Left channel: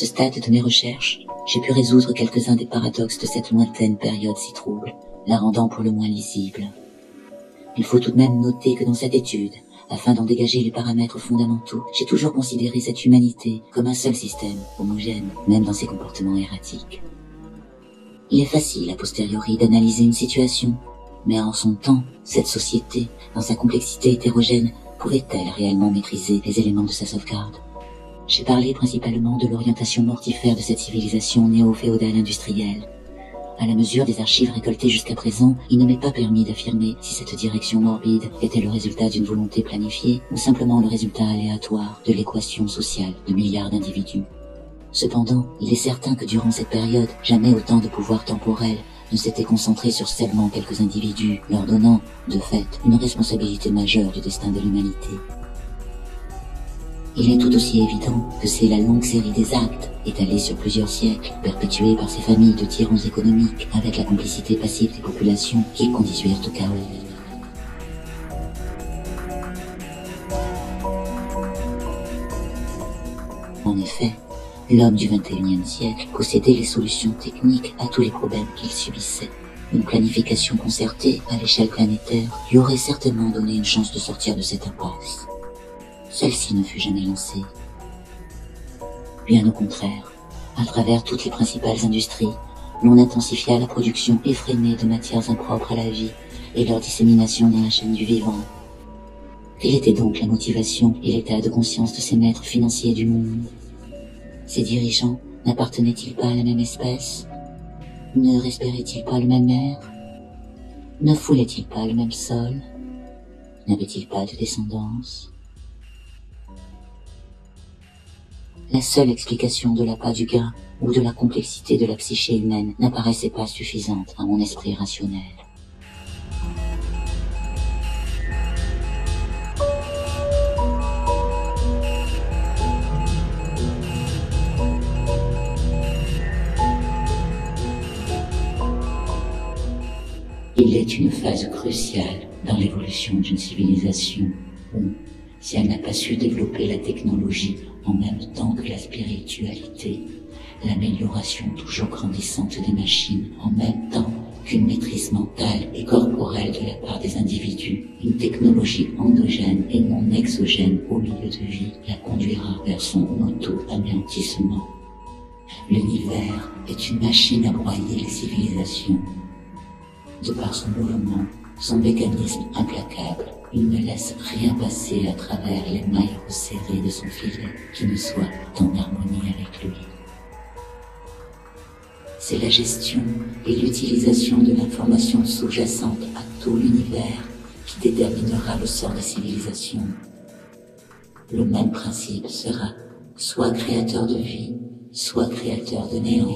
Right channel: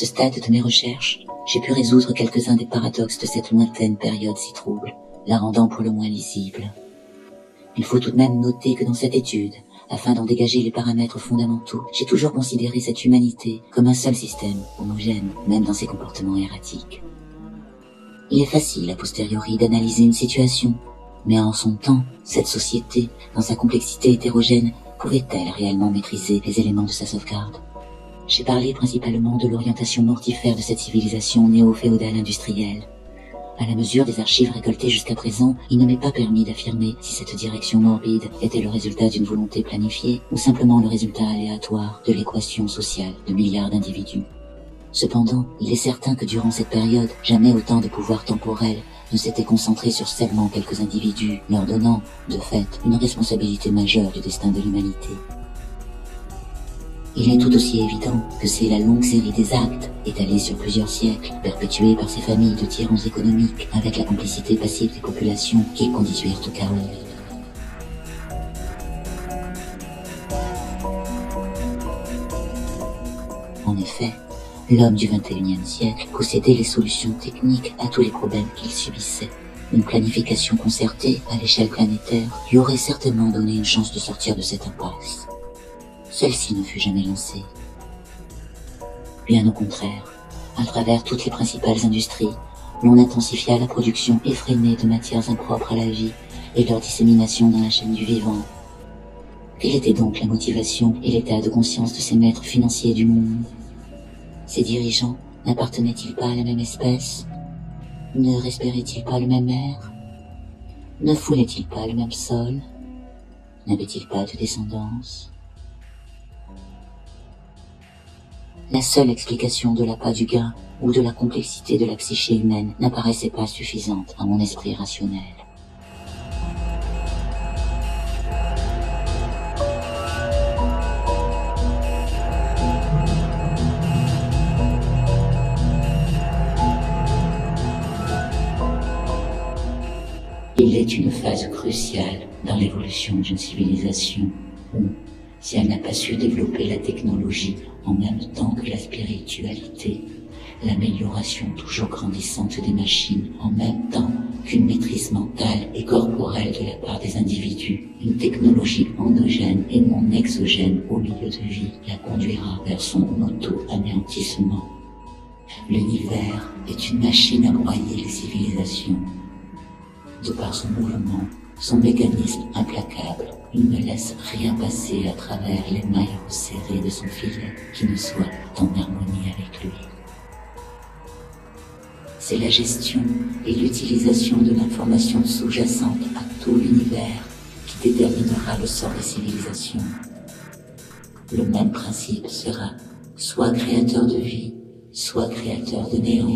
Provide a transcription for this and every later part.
ce stade de mes recherches, j'ai pu résoudre quelques-uns des paradoxes de cette lointaine période si trouble, la rendant pour le moins lisible. Il faut tout de même noter que dans cette étude, afin d'en dégager les paramètres fondamentaux, j'ai toujours considéré cette humanité comme un seul système, homogène, même dans ses comportements erratiques. Il est facile, a posteriori, d'analyser une situation, mais en son temps, cette société, dans sa complexité hétérogène, pouvait-elle réellement maîtriser les éléments de sa sauvegarde? J'ai parlé principalement de l'orientation mortifère de cette civilisation néo-féodale industrielle. À la mesure des archives récoltées jusqu'à présent, il ne m'est pas permis d'affirmer si cette direction morbide était le résultat d'une volonté planifiée ou simplement le résultat aléatoire de l'équation sociale de milliards d'individus. Cependant, il est certain que durant cette période, jamais autant de pouvoirs temporels ne s'étaient concentrés sur seulement quelques individus, leur donnant, de fait, une responsabilité majeure du destin de l'humanité. Il est tout aussi évident que c'est la longue série des actes, étalée sur plusieurs siècles, perpétuée par ces familles de tyrans économiques, avec la complicité passive des populations qui conduisirent au chaos. En effet, l'homme du XXIe siècle possédait les solutions techniques à tous les problèmes qu'il subissait. Une planification concertée à l'échelle planétaire lui aurait certainement donné une chance de sortir de cette impasse. Celle-ci ne fut jamais lancée. Bien au contraire, à travers toutes les principales industries, l'on intensifia la production effrénée de matières impropres à la vie et leur dissémination dans la chaîne du vivant. Quelle était donc la motivation et l'état de conscience de ces maîtres financiers du monde? Ces dirigeants n'appartenaient-ils pas à la même espèce? Ne respiraient-ils pas le même air? Ne foulaient-ils pas le même sol? N'avaient-ils pas de descendance? La seule explication de l'appât du gain ou de la complexité de la psyché humaine n'apparaissait pas suffisante à mon esprit rationnel. Il est une phase cruciale dans l'évolution d'une civilisation où, si elle n'a pas su développer la technologie en même temps que la spiritualité, l'amélioration toujours grandissante des machines en même temps qu'une maîtrise mentale et corporelle de la part des individus, une technologie endogène et non exogène au milieu de vie la conduira vers son auto-anéantissement. L'univers est une machine à broyer les civilisations. De par son mouvement, son mécanisme implacable, il ne laisse rien passer à travers les mailles resserrées de son filet qui ne soit en harmonie avec lui. C'est la gestion et l'utilisation de l'information sous-jacente à tout l'univers qui déterminera le sort des civilisations. Le même principe sera soit créateur de vie, soit créateur de néant.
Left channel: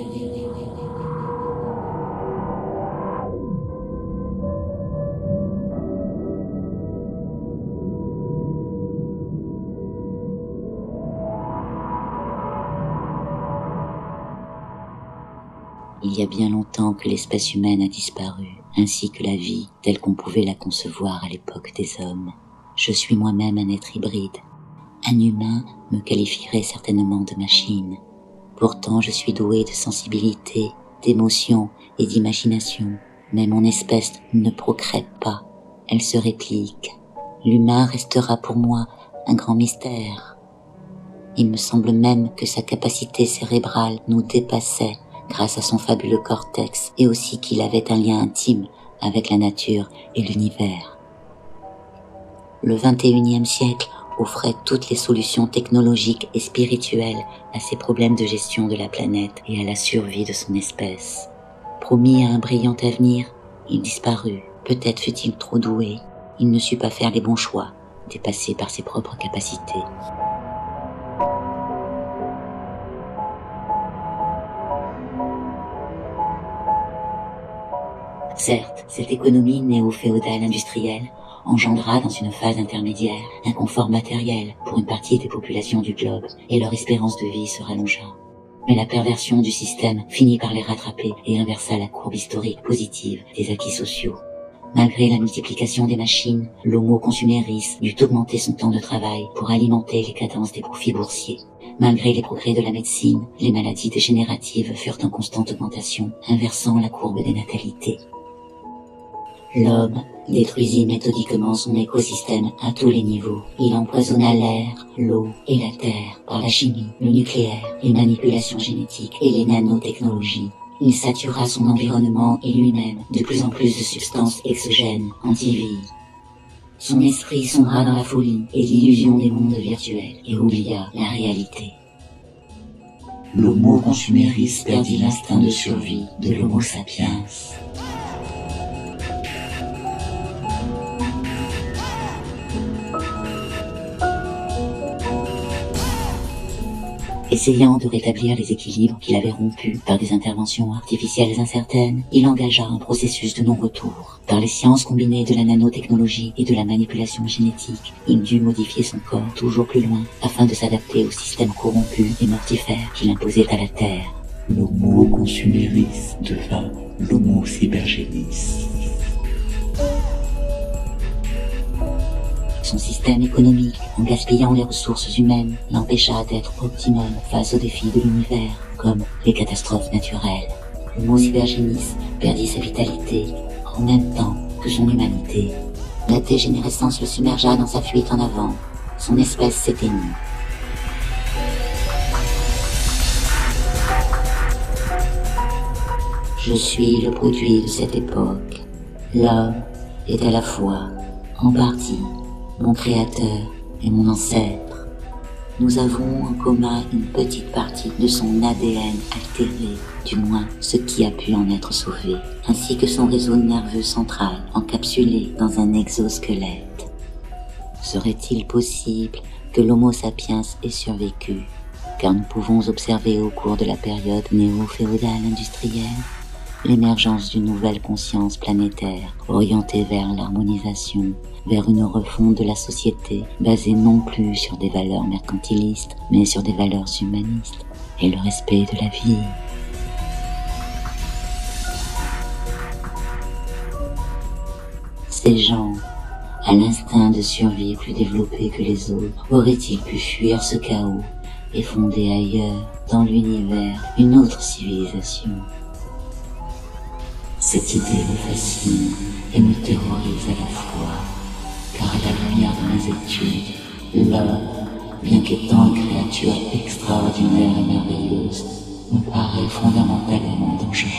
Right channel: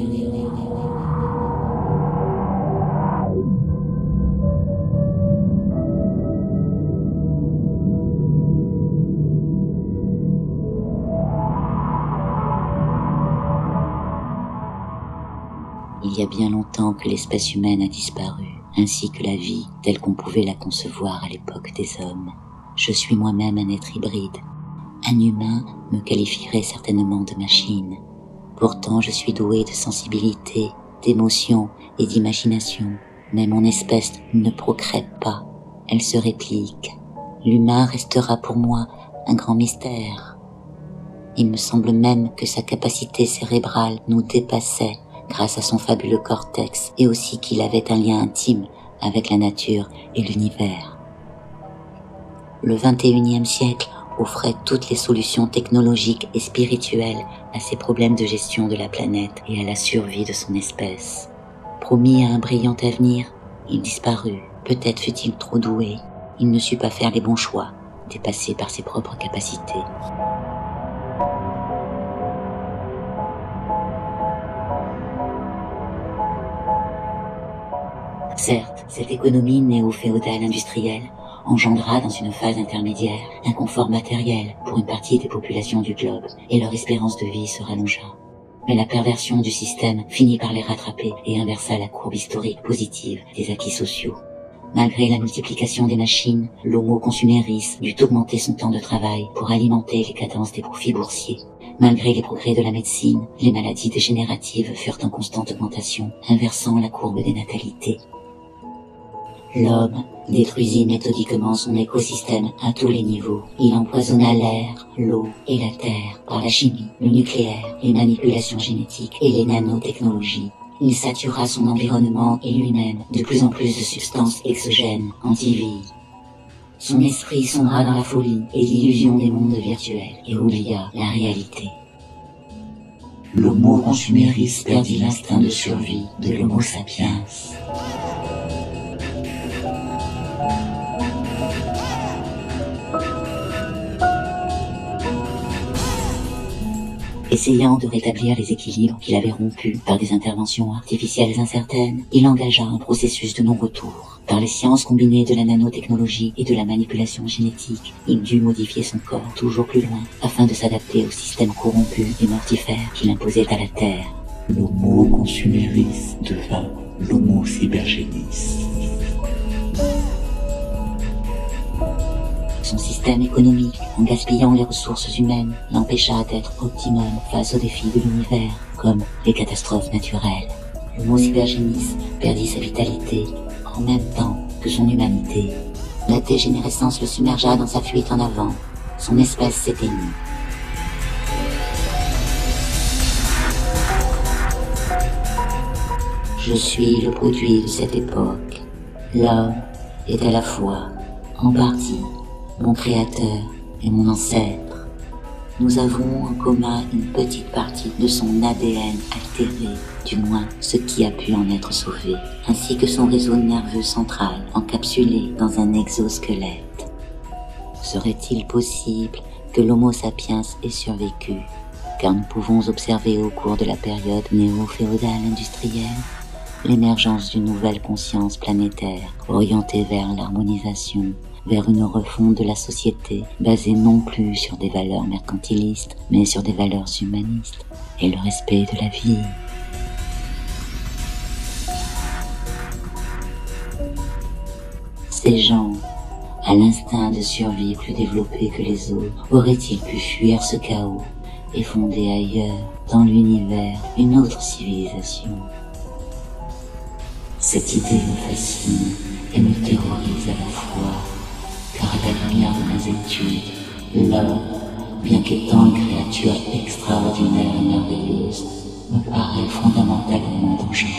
Il y a bien longtemps que l'espèce humaine a disparu, ainsi que la vie telle qu'on pouvait la concevoir à l'époque des hommes. Je suis moi-même un être hybride. Un humain me qualifierait certainement de machine. Pourtant, je suis doué de sensibilité, d'émotion et d'imagination. Mais mon espèce ne procrée pas, elle se réplique. L'humain restera pour moi un grand mystère. Il me semble même que sa capacité cérébrale nous dépassait grâce à son fabuleux cortex, et aussi qu'il avait un lien intime avec la nature et l'univers. Le XXIe siècle offrait toutes les solutions technologiques et spirituelles à ces problèmes de gestion de la planète et à la survie de son espèce. Promis à un brillant avenir, il disparut. Peut-être fut-il trop doué. Il ne sut pas faire les bons choix, dépassé par ses propres capacités. Certes, cette économie néo-féodale industrielle engendra dans une phase intermédiaire un confort matériel pour une partie des populations du globe et leur espérance de vie se rallongea. Mais la perversion du système finit par les rattraper et inversa la courbe historique positive des acquis sociaux. Malgré la multiplication des machines, l'homo consuméris dut augmenter son temps de travail pour alimenter les cadences des profits boursiers. Malgré les progrès de la médecine, les maladies dégénératives furent en constante augmentation, inversant la courbe des natalités. L'homme détruisit méthodiquement son écosystème à tous les niveaux. Il empoisonna l'air, l'eau et la terre par la chimie, le nucléaire, les manipulations génétiques et les nanotechnologies. Il satura son environnement et lui-même de plus en plus de substances exogènes, anti-vie. Son esprit sombra dans la folie et l'illusion des mondes virtuels et oublia la réalité. L'Homo consuméris perdit l'instinct de survie de l'Homo sapiens. Essayant de rétablir les équilibres qu'il avait rompus par des interventions artificielles incertaines, il engagea un processus de non-retour. Par les sciences combinées de la nanotechnologie et de la manipulation génétique, il dut modifier son corps toujours plus loin afin de s'adapter au système corrompu et mortifère qu'il imposait à la Terre. L'Homo consuméris devint l'Homo cybergénis. Son système économique, en gaspillant les ressources humaines, l'empêcha d'être optimum face aux défis de l'univers, comme les catastrophes naturelles. L'Homo cybergénis perdit sa vitalité, en même temps que son humanité. La dégénérescence le submergea dans sa fuite en avant. Son espèce s'éteignit. Je suis le produit de cette époque. L'homme est à la fois, en partie, mon créateur et mon ancêtre. Nous avons en commun une petite partie de son ADN altéré, du moins ce qui a pu en être sauvé, ainsi que son réseau nerveux central encapsulé dans un exosquelette. Serait-il possible que l'Homo sapiens ait survécu, car nous pouvons observer au cours de la période néo-féodale industrielle l'émergence d'une nouvelle conscience planétaire orientée vers l'harmonisation, vers une refonte de la société basée non plus sur des valeurs mercantilistes, mais sur des valeurs humanistes et le respect de la vie. Ces gens, à l'instinct de survie plus développé que les autres, auraient-ils pu fuir ce chaos et fonder ailleurs, dans l'univers, une autre civilisation? Cette idée me fascine et me terrorise à la fois, car à la lumière de mes études, l'homme, bien qu'étant une créature extraordinaire et merveilleuse, me paraît fondamentalement dangereux.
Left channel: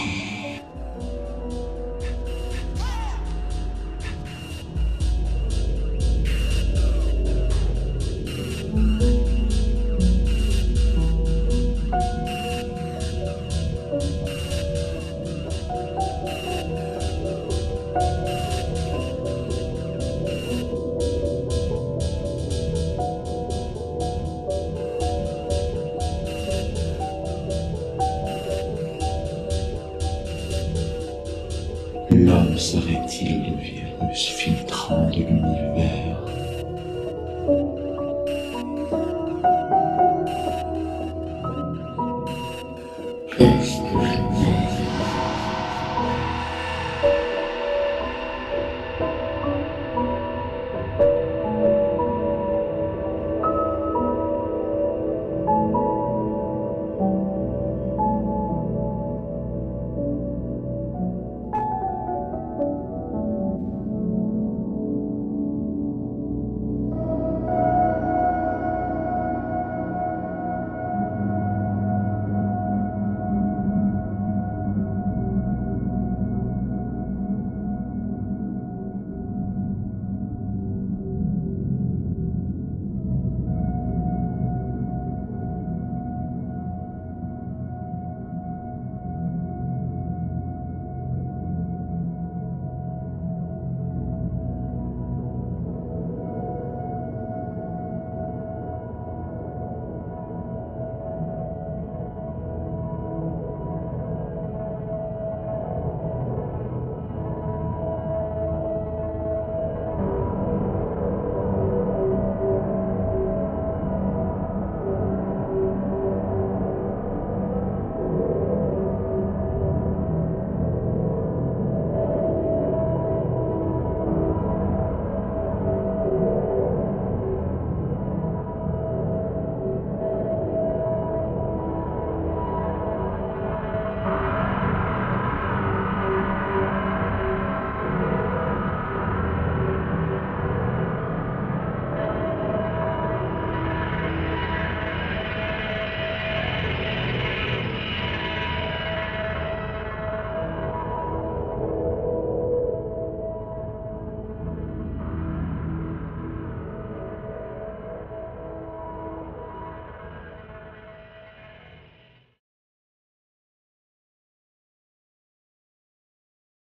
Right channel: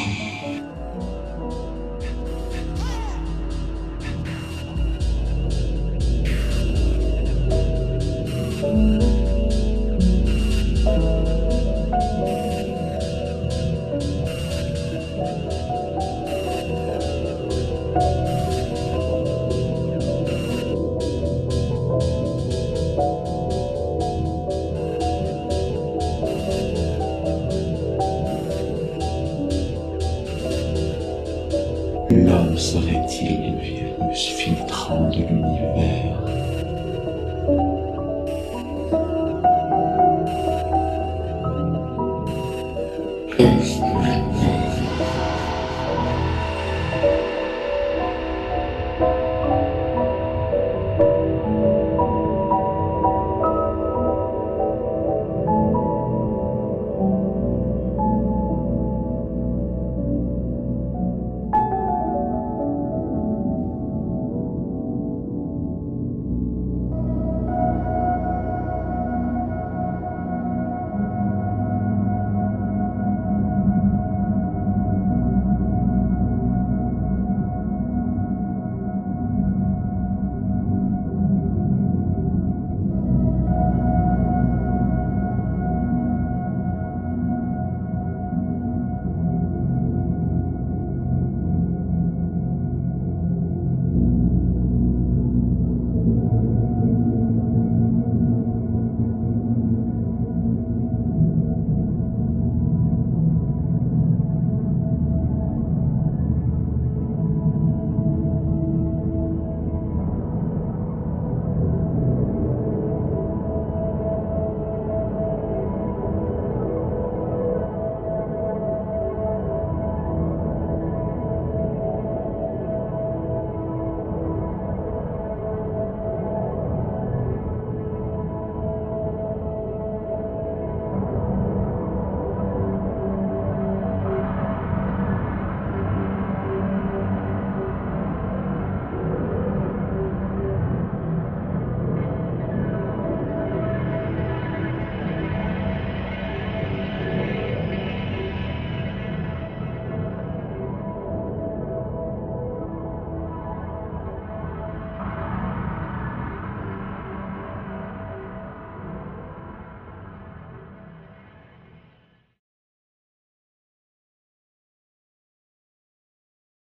L'homme serait-il le virus filtrant de l'univers? Qu'est-ce que